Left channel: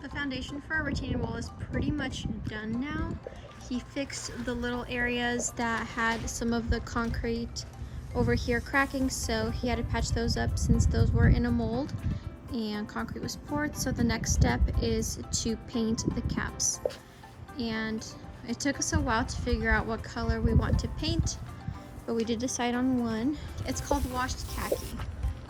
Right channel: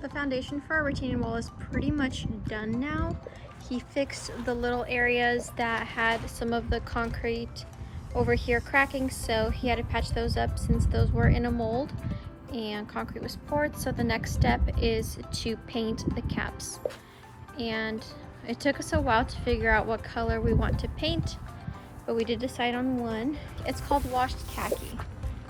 The foundation for our retaining wall is pretty much done now. He fixed the little areas that had some of the concrete over here cracking, so he had to patch those up since those were in a mold and concrete was poured. So the next step is to paint the caps, and it took us a while to figure out what color we want to paint, but we did decide on one. It's called washed khaki.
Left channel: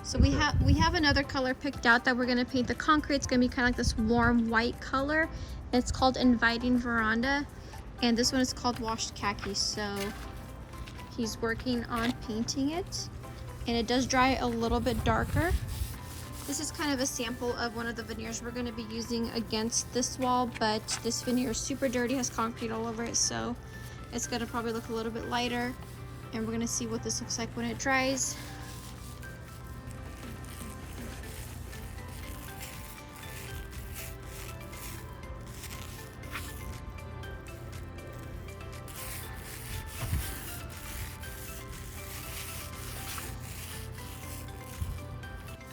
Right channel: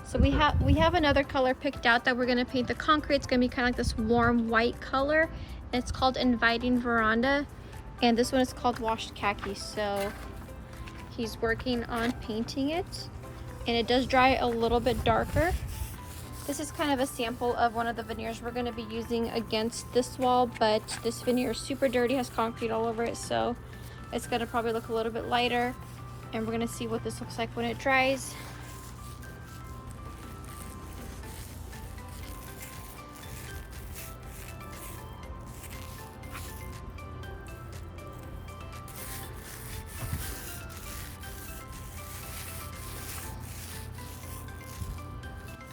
So we have another color picked out that we're gonna paint the concrete. It's gonna be kind of like this warm white color, and it's called Inviting Veranda, and this one is called washed khaki. So he's working on painting it, and it does dry a little bit darker. This is kind of a sample of one of the veneers we're going to be using against this wall, but this veneer is super dirty, has concrete all over it, so it's going to probably look a little bit lighter, and we're going to see what this looks like when it dries.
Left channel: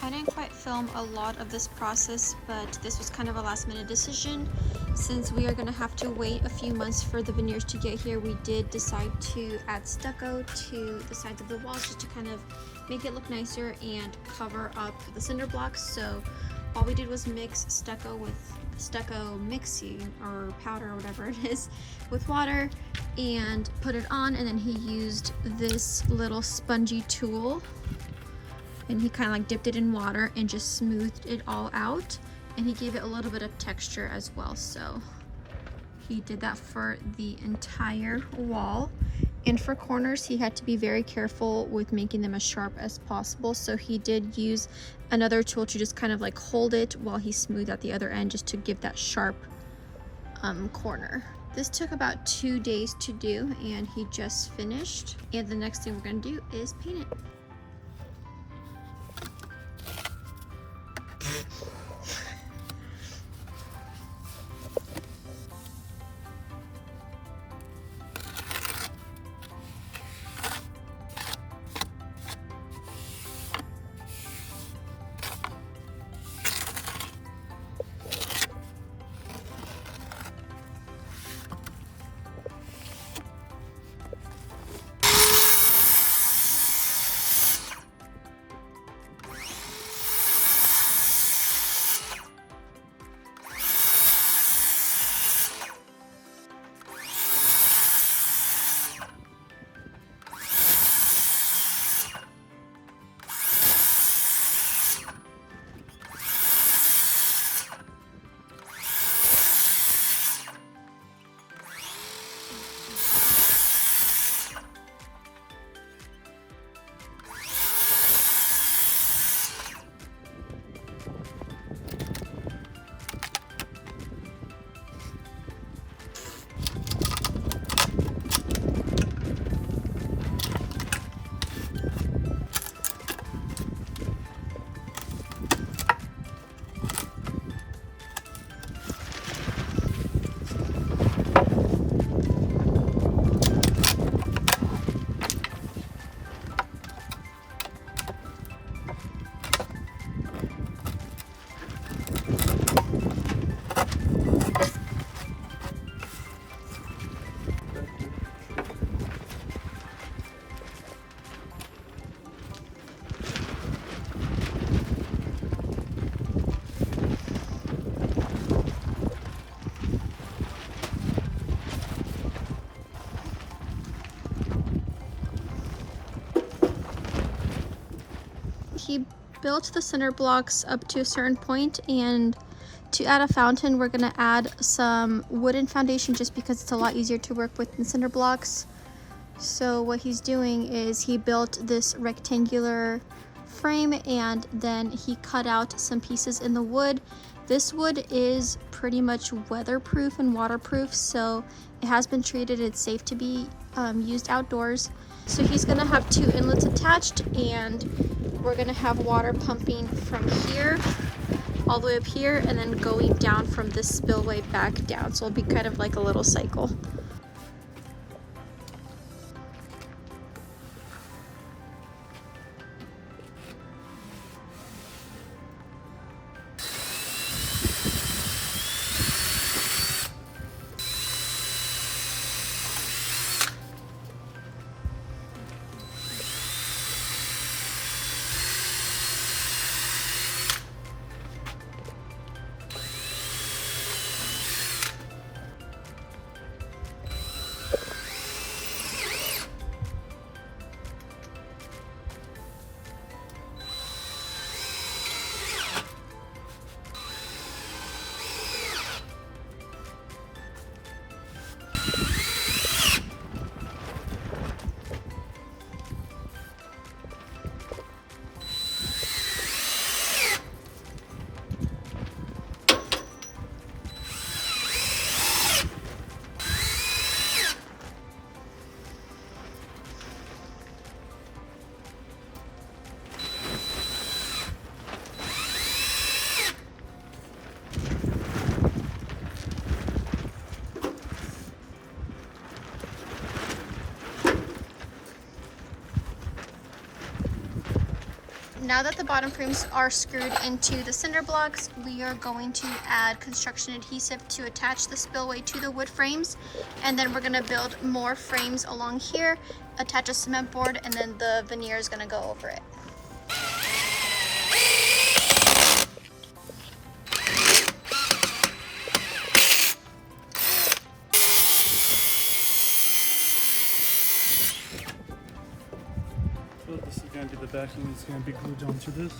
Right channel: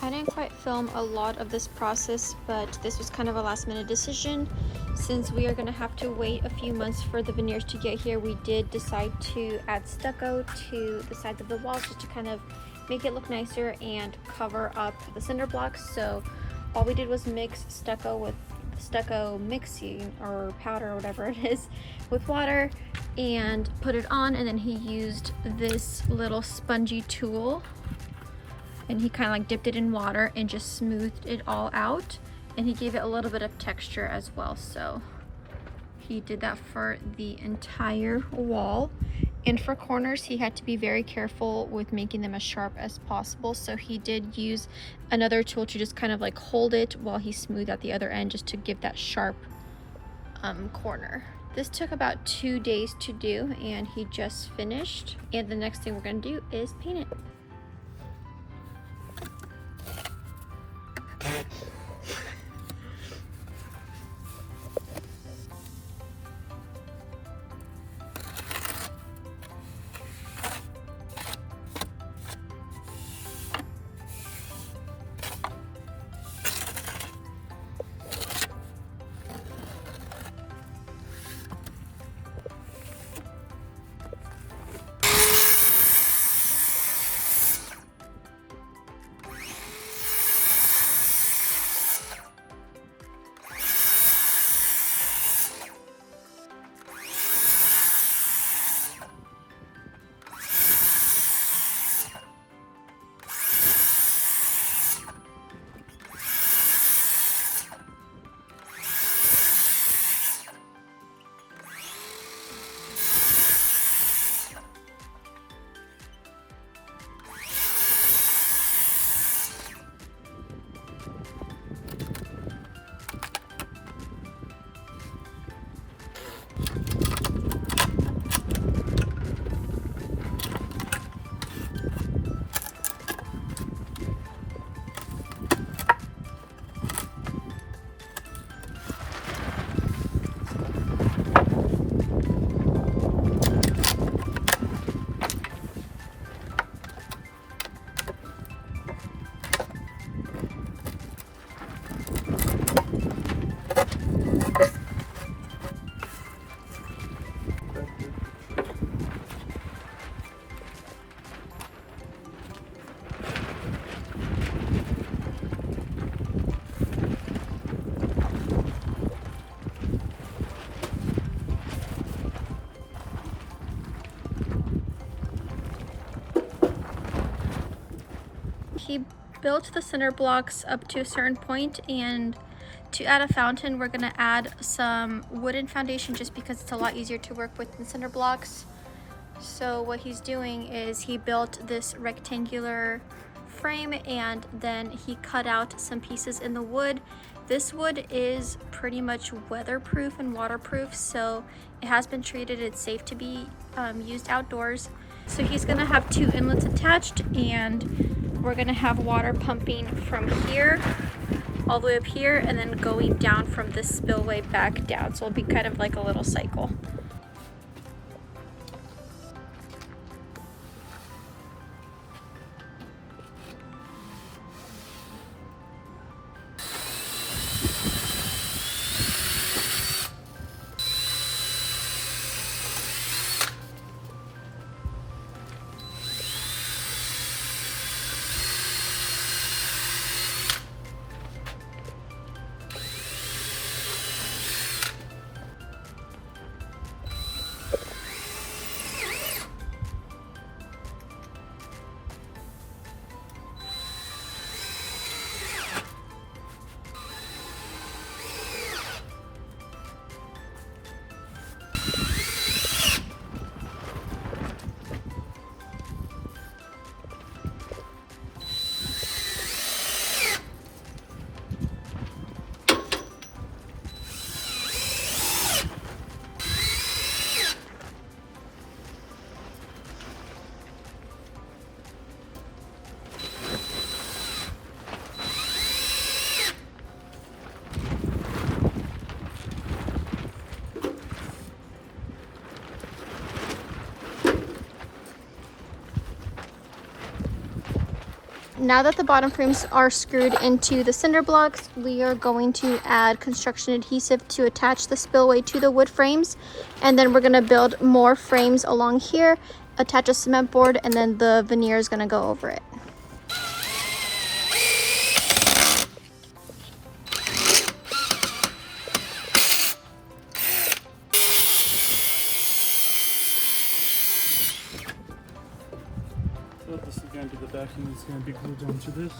I didn't quite film a lot of this process, but this was kind of a last minute decision. Since we are going to have to wait a few months for the veneers to get here, we did decide to add stucco to the sides of the walls just to kind of make it look nicer and cover up the cinder blocks. So all we did was mix stucco with stucco mixing or powder or whatever it is with water and put it on, and then he used this little spongy tool and he kind of like dipped it in water and just smoothed it all out, and he gave it a little bit of texture as well. So he did that for the entire wall, and for corners he had to be very careful with making them as sharp as possible, so he did use another tool to just kind of like hold it while he smoothed out the other end, just to give that sharp corner. This took about 2 days to do, and he just finished, and the next thing we're going to do is paint it. He built the cinder blocks up to a certain point, and to add a fountain we're going to add some wooden foundation just because it's a lot easier to work with than cinder blocks. So what he's doing is he built this rectangular frame, and then he cut out some pieces in the wood. This wood is pretty much weatherproof and waterproof, so it has been treated. It's safe to be used outdoors. So he's gonna have 2 inlets attached, and we're gonna have water pumping from here all the way up here and then going down from this spillway back down. So it'll be kind of like a little cycle. now that the bottom frames are screwed into the cinder blocks, we are going to add construction adhesive to attach the spillway to the wood frames. And then we're gonna build more frames along here, attach a cement board, and then the veneer is gonna go over it. So this is going to be the backing that's going to be glued onto this,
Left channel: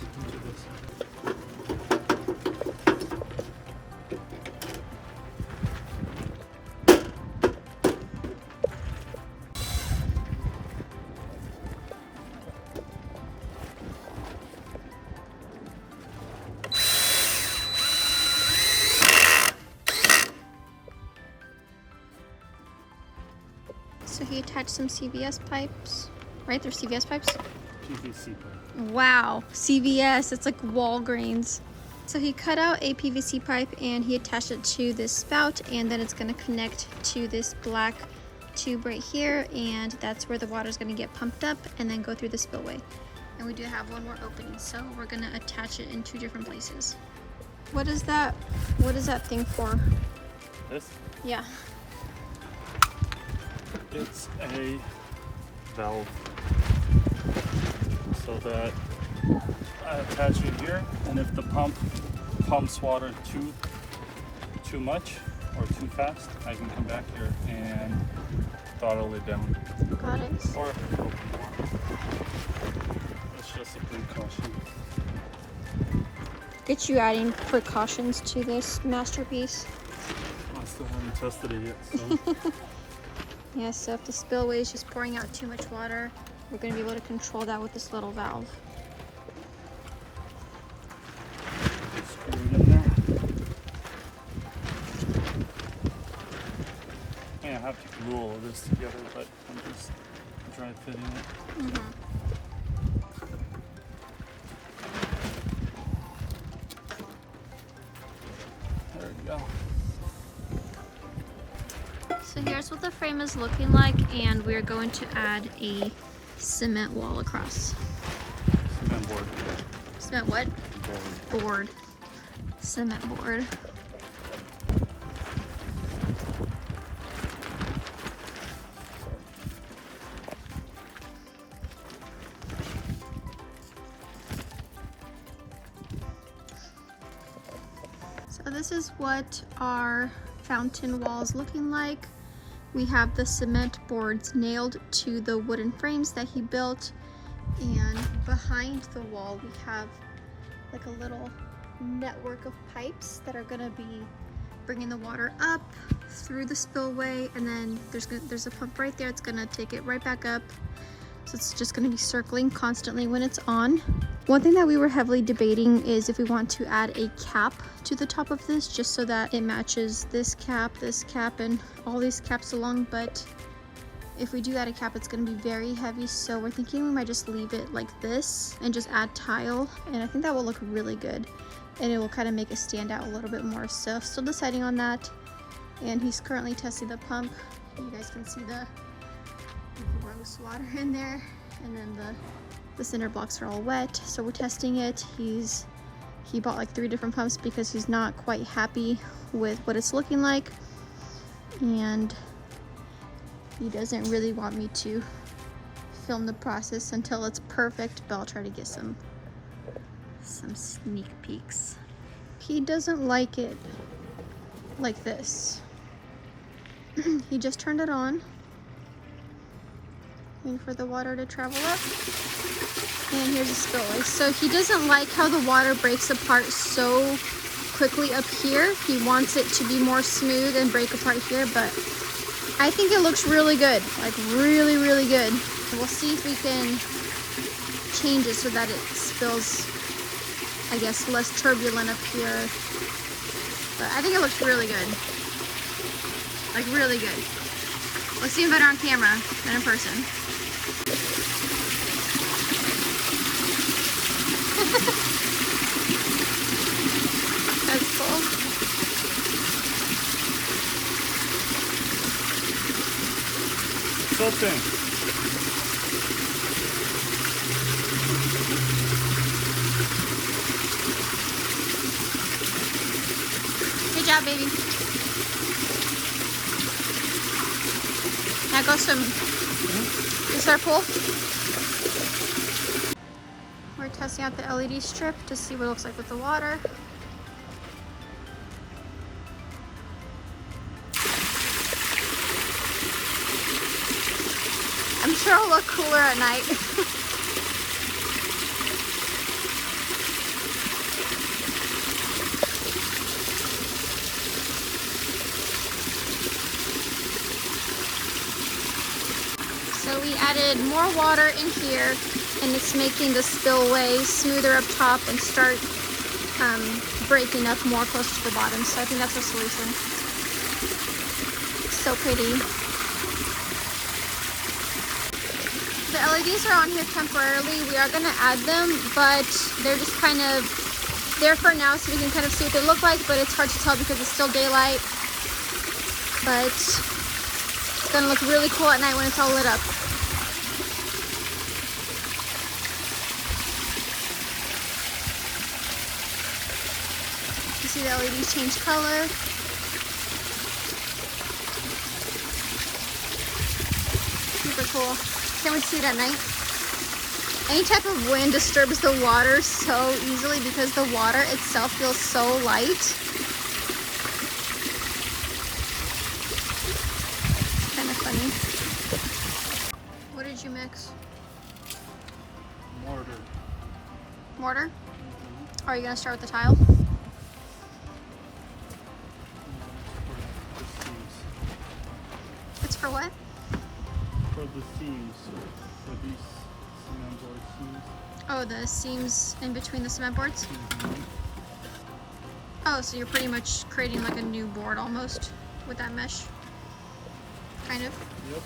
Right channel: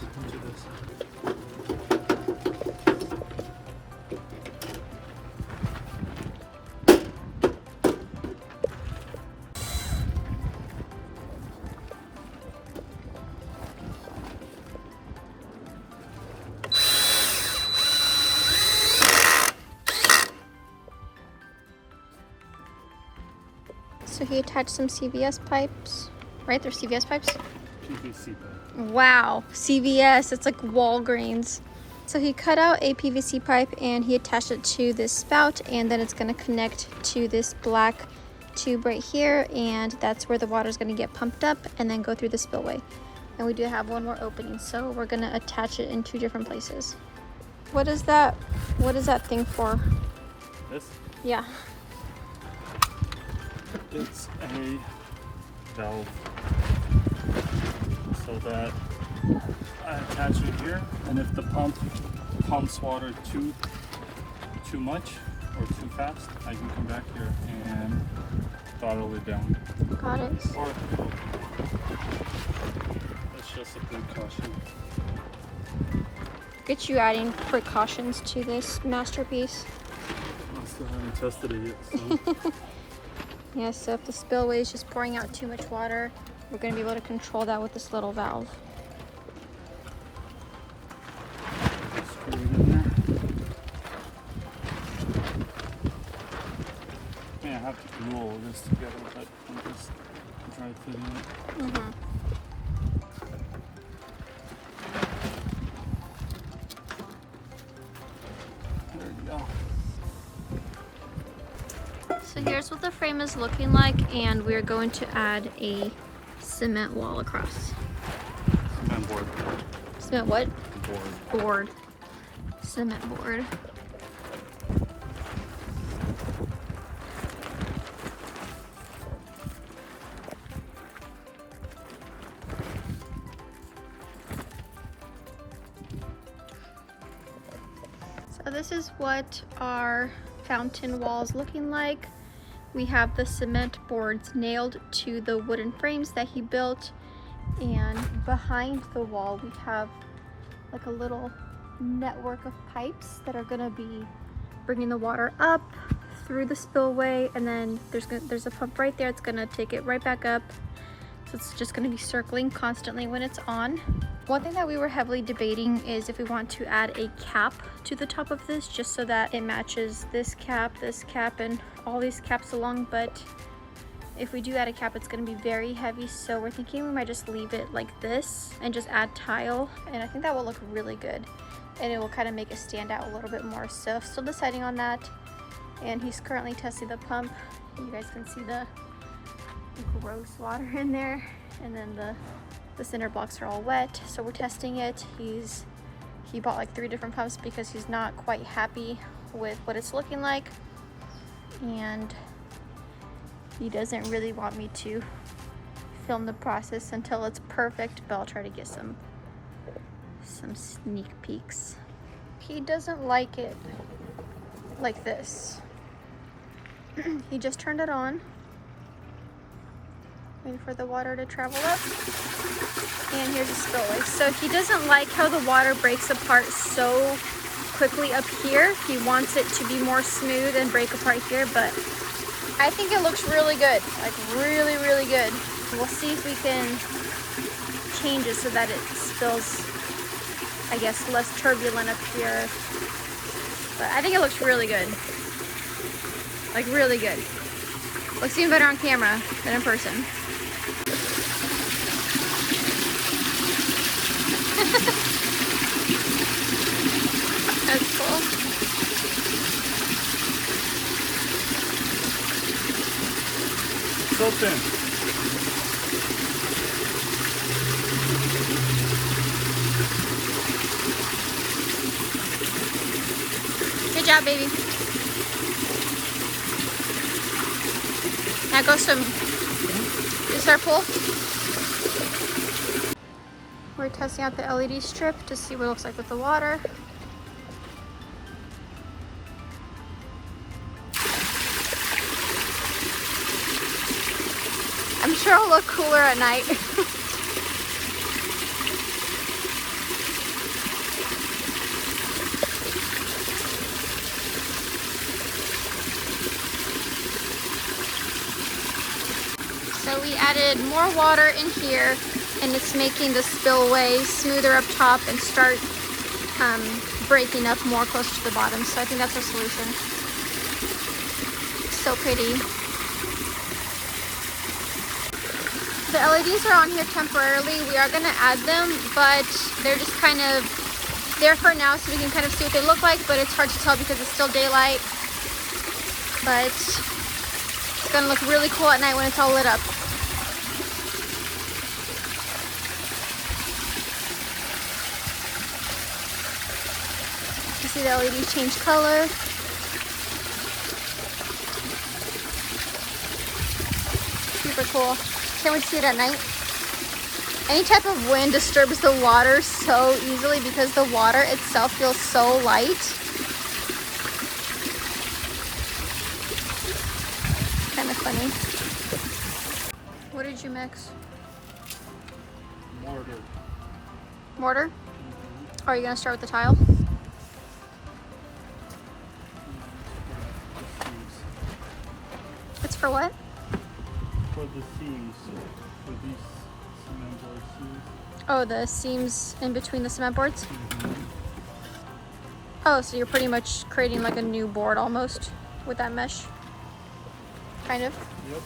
So he attached some CVS pipes, right? They're CVS pipes? PVC pipe. Wow, CVS, it's like Walgreens. So he cut out a PVC pipe and he attached it to this spout, and then it's gonna connect to this black tube right here, and that's where the water is gonna get pumped up and then go through the spillway. And we do have one more opening, so we're gonna attach it in 2 different places. What is that thing for? This? Yeah. It's a valve. So that I attach it here, and if the pump pumps water too much or too fast, I can come back here and throttle it down. Got it. Or it's just a precaution. Get you adding precautions to this masterpiece. I still haven't tested it yet, so. Yeah, so if the spillway is just pouring out too much water, we're going to be able to control that with this little valve. Screw it in there. Yeah, I have to glue all of this together, but I'm just dry fitting it. There we go. So here's what the frame is looking like, and we're going to add a cement wall across. Cement board. Cement what? Board. Cement board. So this is what our fountain wall is looking like. We have the cement boards nailed to the wooden frames that he built, and behind the wall we have like a little network of pipes that are going to be bringing the water up through the spillway, and then there's a pump right there. It's going to take it right back up, so it's just going to be circling constantly when it's on. One thing that we were heavily debating is if we want to add a cap to the top of this, just so that it matches this cap, and all these caps along. But if we do add a cap, it's going to be very heavy, so we're thinking we might just leave it like this and just add tile, and I think that will look really good, and it will kind of make it stand out a little bit more. So still deciding on that, and he's currently testing the pump. You guys can see the gross water in there, and then the cinder blocks are all wet, so we're testing it. He bought like 3 different pumps because he's not quite happy with what it's looking like, and he doesn't really want me to film the process until it's perfect, but I'll try to get some sneak peeks. He doesn't like it like this. He just turned it on, waiting for the water to travel up, and here's the spillway. So he doesn't like how the water breaks apart so quickly up here. He wants it to be more smooth and break apart here, but I think it looks really good, like really, really good. We'll see if we can change it so that it spills, I guess, less turbulent up here. But I think it looks really good, like really good. Looks even better on camera than in person. That's cool. So thin. Good job, baby. Now go swimming. Is there a pool? We're testing out the LED strip to see what it looks like with the water. I'm sure it'll look cooler at night. So we added more water in here, and it's making the spillway smoother up top and start breaking up more close to the bottom. So I think that's our solution. So pretty. The LEDs are on here temporarily. We are going to add them, but they're just kind of there for now so we can kind of see what they look like, but it's hard to tell because it's still daylight. But it's going to look really cool at night when it's all lit up. You see the LEDs change color. Super cool. Can't wait to see it at night. Any type of wind disturbs the water so easily because the water itself feels so light. Kind of funny. What did you mix? Mortar. Mortar? Mm-hmm. Are you going to start with the tile? It's for what? For the seams, for these cement board seams. Oh, the seams in between the cement boards? Mm-hmm. Oh, so you're pretty much creating like a new board almost with that mesh? Kind of? Yep.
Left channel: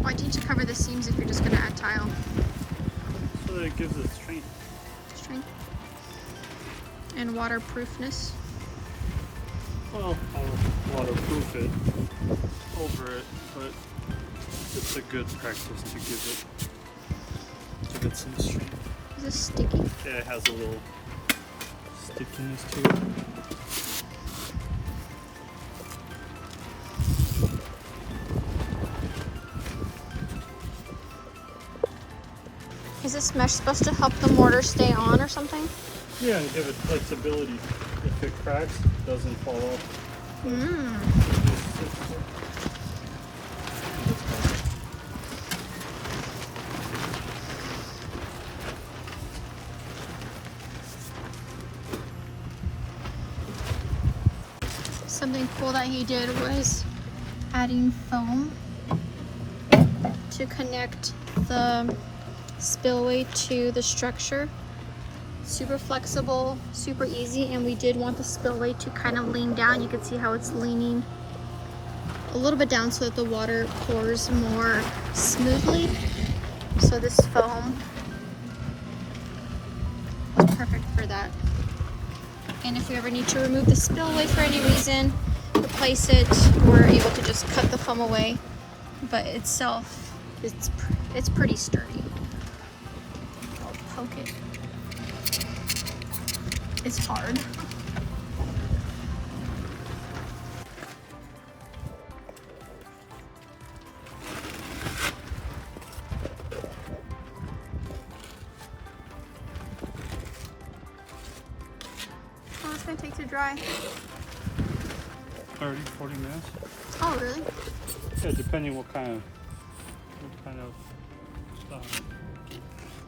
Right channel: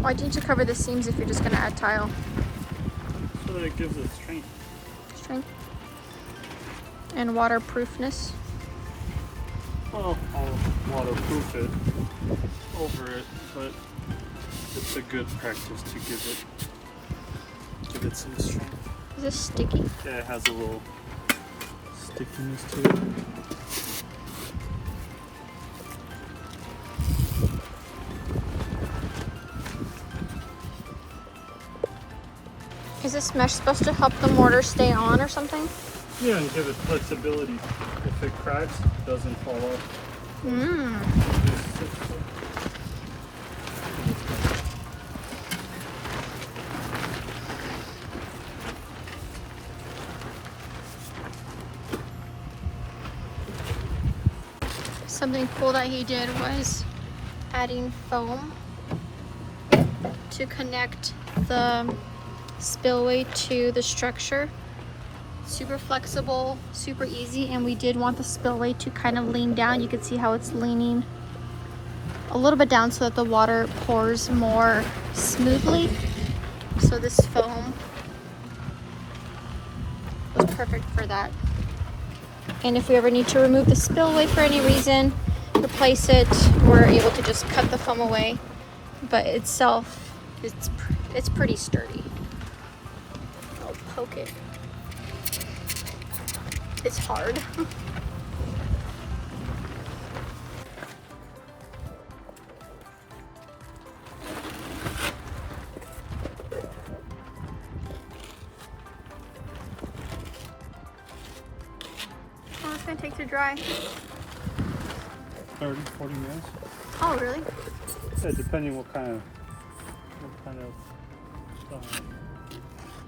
Why didn't you cover the seams if you're just going to add tile? So that it gives it strength. Strength? And waterproofness? Well, I'll waterproof it over it, but it's a good practice to give it, to get some strength. Is this sticky? Yeah, it has a little stickiness to it. Is this mesh supposed to help the mortar stay on or something? Yeah, and give it flexibility. If it cracks, it doesn't fall off. Mmm. Something cool that he did was adding foam to connect the spillway to the structure. Super flexible, super easy, and we did want the spillway to kind of lean down. You can see how it's leaning a little bit down so that the water pours more smoothly. So this foam was perfect for that. And if we ever need to remove the spillway for any reason, replace it, we're able to just cut the foam away. But itself, it's pretty sturdy. I'll poke it. It's hard. How long is it going to take to dry? 30, 40 minutes. Oh, really? Yeah, depending what kind of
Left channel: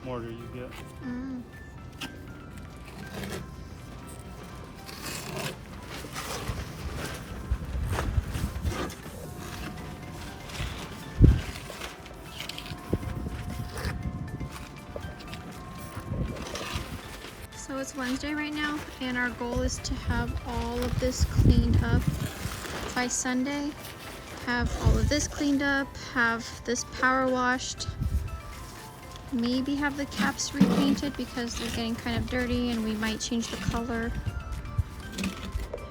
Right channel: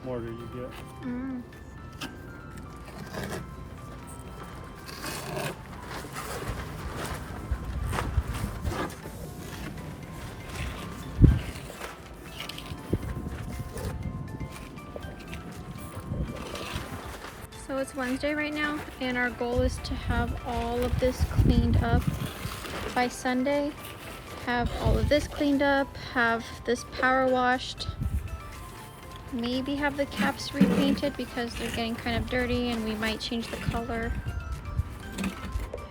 mortar you get. Mm. So it's Wednesday right now, and our goal is to have all of this cleaned up by Sunday. Have all of this cleaned up, have this power washed, maybe have the caps repainted because they're getting kind of dirty and we might change the color.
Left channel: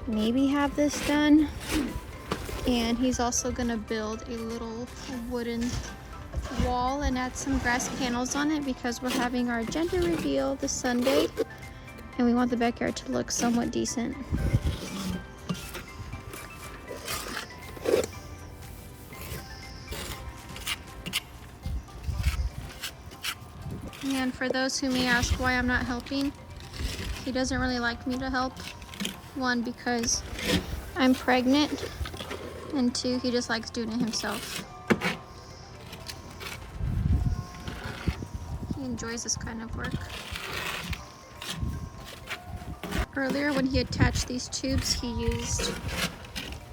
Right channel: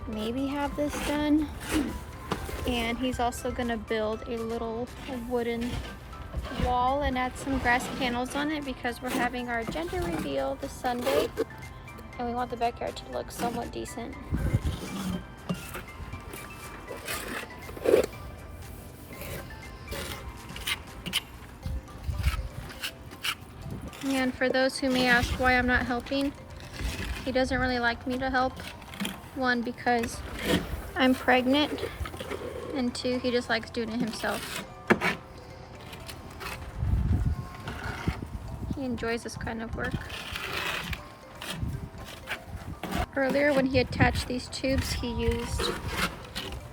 Maybe have this done. And he's also gonna build a little wooden wall and add some grass panels on it because we're having our gender reveal this Sunday and we want the backyard to look somewhat decent. And for those who may ask why I'm not helping, he doesn't really like me to help. One, because I'm pregnant, and two, he just likes doing it himself. He enjoys this kind of work. Earlier when he attached these tubes, he used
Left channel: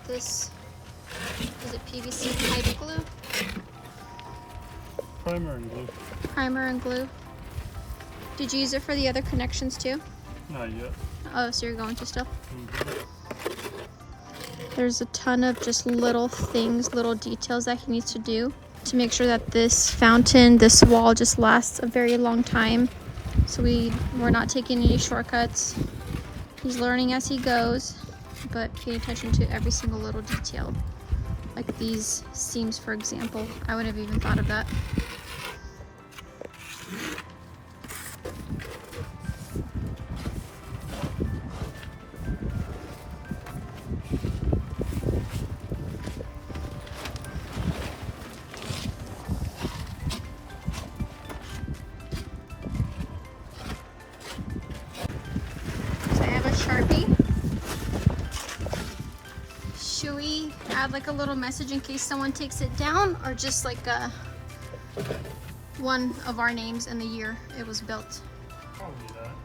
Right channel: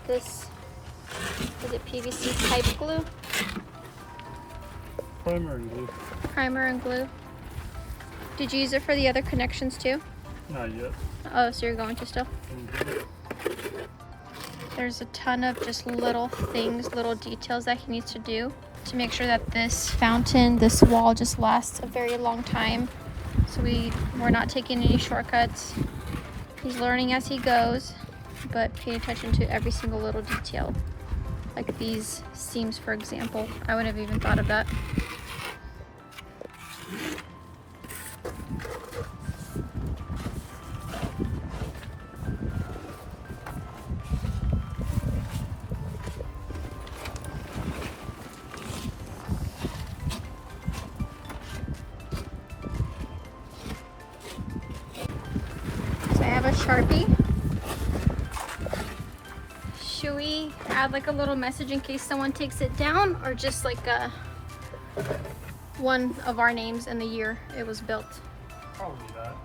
this, is it PVC pipe glue? Primer and glue. Primer and glue. Did you use it for the other connections too? Not yet. Oh, so you're going to still? Mm-hmm. There's a ton of just little things, little details that he needs to do to make sure that this fountain, this wall just lasts a very long time. So we're not taking any shortcuts. He's learning as he goes, but pay attention to every single little detail. Like these seams, for example. I wouldn't have even thought of that. So I have a Sharpie. Should we add like a little message in case someone takes it down, or just like one of our names and the year it was built? Probably that.